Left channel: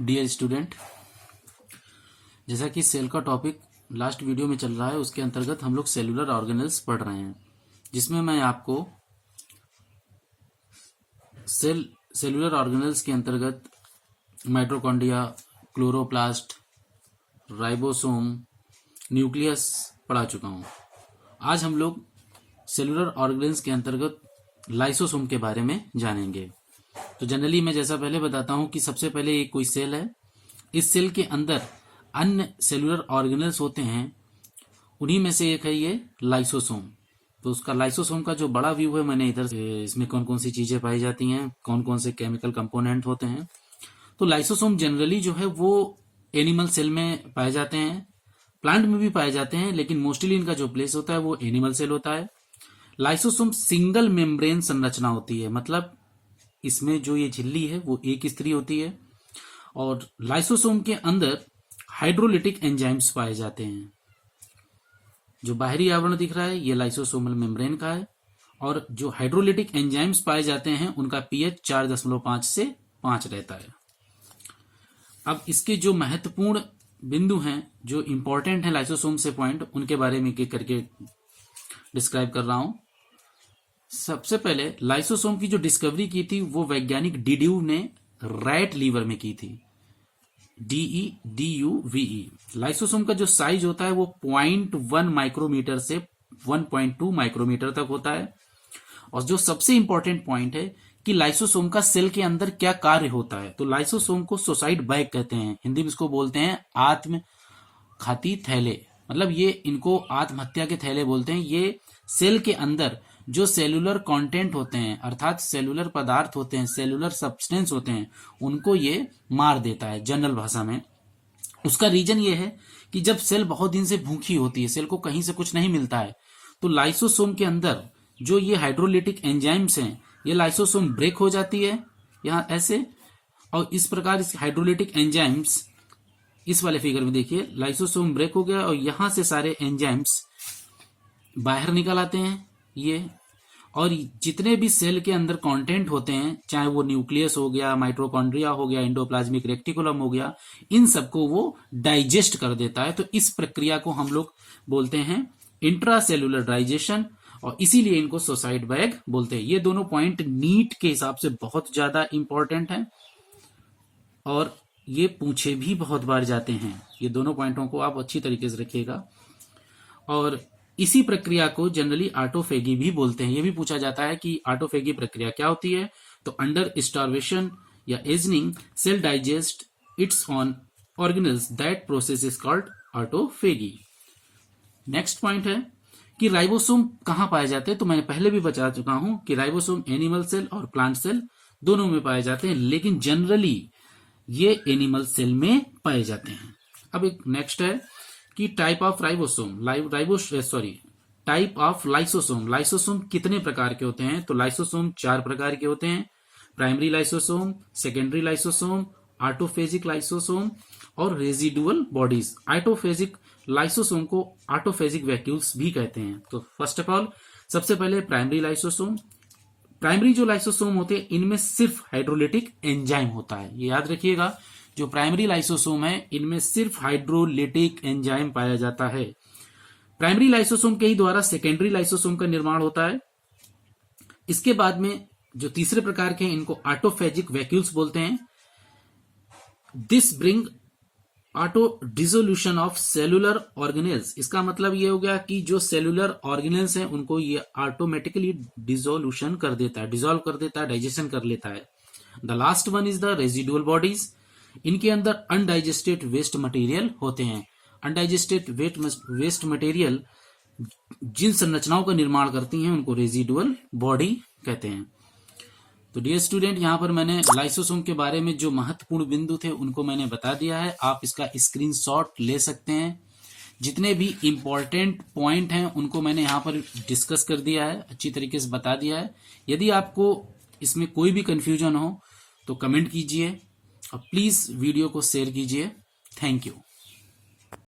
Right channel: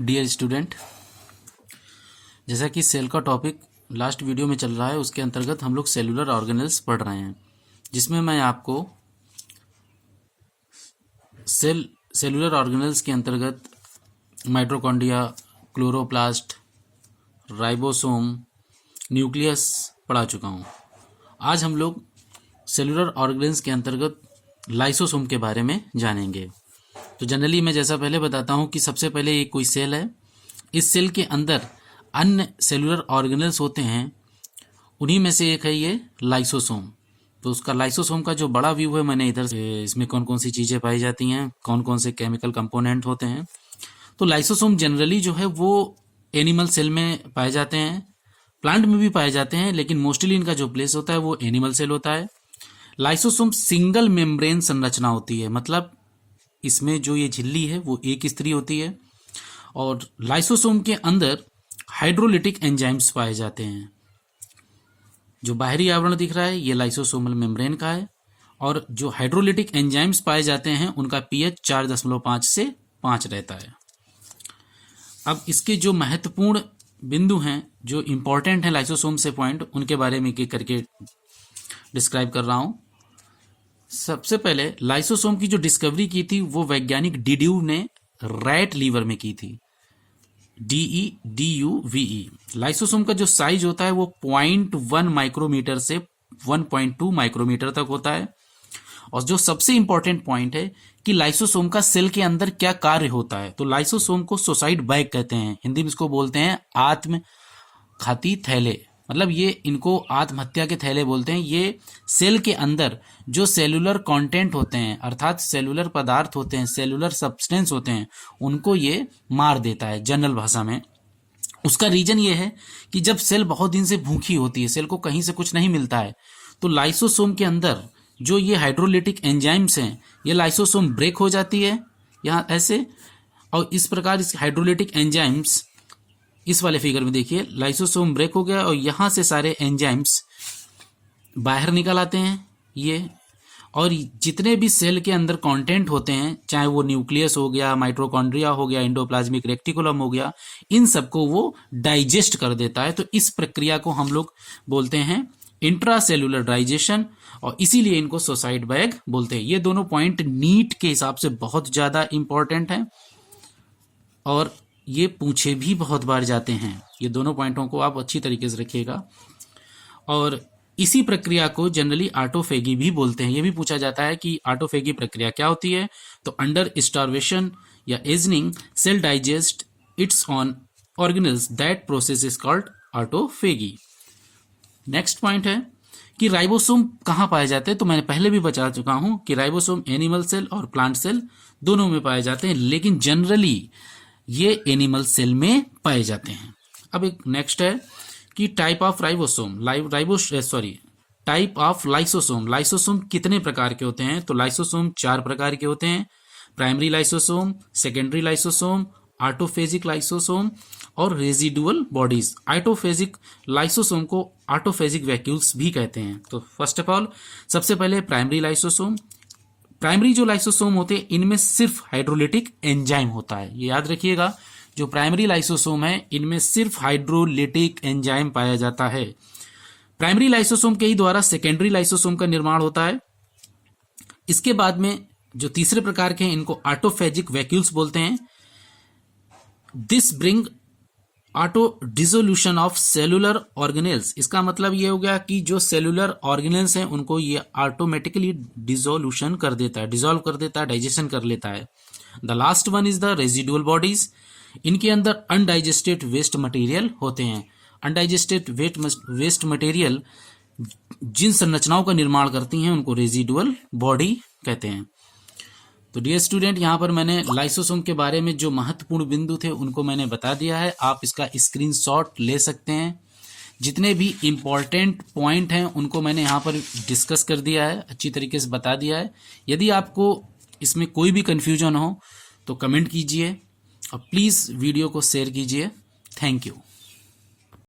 Dear student, जैसा कि cell का टॉपिक लास्ट वीडियो में चल रहा है, उसके अंतर्गत हम लोग सेलुलर ऑर्गेनेल्स पढ़ रहे हैं, जिसमें मैं आपको सेलुलर ऑर्गेनेल्स के अंतर्गत माइटोकॉन्ड्रिया, क्लोरोप्लास्ट, राइबोसोम, न्यूक्लियस पढ़ा चुका हूँ। आज हम लोग सेलुलर ऑर्गेनेल्स के अंतर्गत लाइसोसोम के बारे में जानेंगे। तो जनरली मैं जैसा पहले बताता हूँ कि सबसे पहले ये कोई सेल है, इस सेल के अंदर अन्य सेलुलर ऑर्गेनेल्स होते हैं, उन्हीं में से एक है ये लाइसोसोम। तो उसका लाइसोसोम का जो बड़ा व्यू है मैंने इधर से, इसमें कौन कौन सी चीज़ें पाई जाती हैं, कौन कौन से केमिकल कंपोनेंट होते हैं। तो लाइसोसोम जनरली जो है वो एनिमल सेल में पाए जाते हैं, प्लांट में भी पाए जाते हैं, लेकिन मोस्टली इनका जो प्लेस होता है वो एनिमल सेल होता है। लाइसोसोम सिंगल मेम्ब्रेन संरचना होती है, मतलब इसमें जो ये झिल्ली है वो एक स्तरीय होती है, और लाइसोसोम के अंदर हाइड्रोलिटिक एंजाइम्स पाए जाते हैं। जो बाहरी आवरण दिख रहा है ये लाइसोसोमल मेम्ब्रेन का है, और जो हाइड्रोलिटिक एंजाइम्स पाए जाते हैं उनका पीएच 4.5 से 5 रहता है। अब इसके जो महत्वपूर्ण बिंदु हैं, जो इंपॉर्टेंट हैं लाइसोसोम से पॉइंट, उनके बारे में एक एक करके डिस्क्राइब कर रहा हूं। सबसे पहले लाइसोसोम की जो डिस्कवरी की थी वो वैज्ञानिक डिड्यू ने रैट लीवर में की थी, DEDUVE। लाइसोसोम का जो साइज होता है वो 0.1 माइक्रोमीटर से 1.2 माइक्रोमीटर तक होता है। और जो सबसे इंपॉर्टेंट पॉइंट है कि लाइसोसोम का सेल के अंदर क्या कार्य होता है, तो लाइसोसोम को सुसाइड बैग कहते हैं, हिंदी में इसको बोलते हैं आत्मघाती थैले, मतलब ये इनको आत्महत्या के थैले बोलते हैं। ये सेल के अंदर जो सेलुलर कंटेंट होते हैं, अर्थात सेलुलर पदार्थ होते हैं, सेलुलर सब्सटेंस होते हैं, उनको ये मार देता है जनरल भाषा में। उसका रीजन ये है कि जब सेल बहुत दिन से भूखी होती है, सेल को कहीं से कुछ नहीं मिलता है, तो लाइसोसोम के अंदर जो ये हाइड्रोलिटिक एंजाइम्स हैं, ये लाइसोसोम ब्रेक हो जाती है यहाँ ऐसे, और इस प्रकार इस हाइड्रोलिटिक एंजाइम्स, इस वाले फिगर में देखिए लाइसोसोम ब्रेक हो गया और यहां से सारे एंजाइम्स बाहर निकल आते हैं ये, और जितने भी सेल के अंदर कंटेंट होते हैं, चाहे वो न्यूक्लियस हो गया, माइटोकॉन्ड्रिया हो गया, एंडोप्लाज्मिक रेक्टिकुलम हो गया, इन सबको वो डाइजेस्ट कर देता है। तो इस प्रक्रिया को हम लोग बोलते हैं इंट्रासेलुलर डाइजेशन, और इसीलिए इनको सुसाइड बैग बोलते हैं। ये दोनों पॉइंट नीट के हिसाब से बहुत ज्यादा इंपॉर्टेंट हैं, और ये पूछे भी बहुत बार जाते हैं। ये दोनों पॉइंटों को आप अच्छी तरीके से रखिएगा। और इसी प्रक्रिया को जनरली ऑटोफेगी भी बोलते हैं। ये भी पूछा जाता है कि ऑटोफेगी प्रक्रिया क्या होती है, तो अंडर स्टार्वेशन या ageing cell digest its own organelles, that process is called autophagy. Next point है कि राइबोसोम कहाँ पाए जाते हैं, तो मैंने पहले भी बता चुका हूं कि राइबोसोम एनिमल सेल और प्लांट सेल दोनों में पाए जाते हैं, लेकिन जनरली ये एनिमल सेल में पाए जाते हैं। अब एक नेक्स्ट है कि type of ribosome, type of lysosome. Lysosome कितने प्रकार के होते हैं, तो लाइसोसोम 4 प्रकार के होते हैं, primary lysosome, secondary lysosome, autophagic lysosome और रेजिडुअल बॉडीज। ऑटोफेजिक लाइसोसोम को ऑटोफेजिक वैक्यूल्स भी कहते हैं। तो फर्स्ट ऑफ ऑल सबसे पहले प्राइमरी लाइसोसोम। प्राइमरी जो लाइसोसोम होते हैं इनमें सिर्फ हाइड्रोलिटिक एंजाइम होता है, ये याद रखिएगा। जो प्राइमरी लाइसोसोम है इनमें सिर्फ हाइड्रोलिटिक एंजाइम पाया जाता है। प्राइमरी लाइसोसोम के ही द्वारा सेकेंडरी लाइसोसोम का निर्माण होता है। इसके बाद में जो तीसरे प्रकार के हैं इनको ऑटोफेजिक वैक्यूल्स बोलते हैं। This bring auto dissolution of cellular organelles. इसका मतलब ये हो गया कि जो सेलुलर ऑर्गेनेल्स हैं उनको ये ऑटोमेटिकली डिसोल्यूशन कर देता है, डिसॉल्व कर देता है, डाइजेशन कर लेता है। The last one is the residual bodies. इनके अंदर अनडाइजेस्टेड वेस्ट मटेरियल होते हैं। अनडाइजेस्टेड वेस्ट मटेरियल जिन संरचनाओं का निर्माण करती हैं उनको रेजिडुअल बॉडी कहते हैं। तो डियर स्टूडेंट, यहाँ पर मैंने लाइसोसोम के बारे में जो महत्वपूर्ण बिंदु थे उनको मैंने बता दिया है। आप इसका स्क्रीनशॉट ले सकते हैं। जितने भी इंपॉर्टेंट पॉइंट हैं उनको मैंने यहाँ पर डिस्कस कर दिया है, अच्छी तरीके से बता दिया है। यदि आपको इसमें कोई भी कंफ्यूजन हो तो कमेंट कीजिए, और प्लीज़ वीडियो को शेयर कीजिए। Thank you.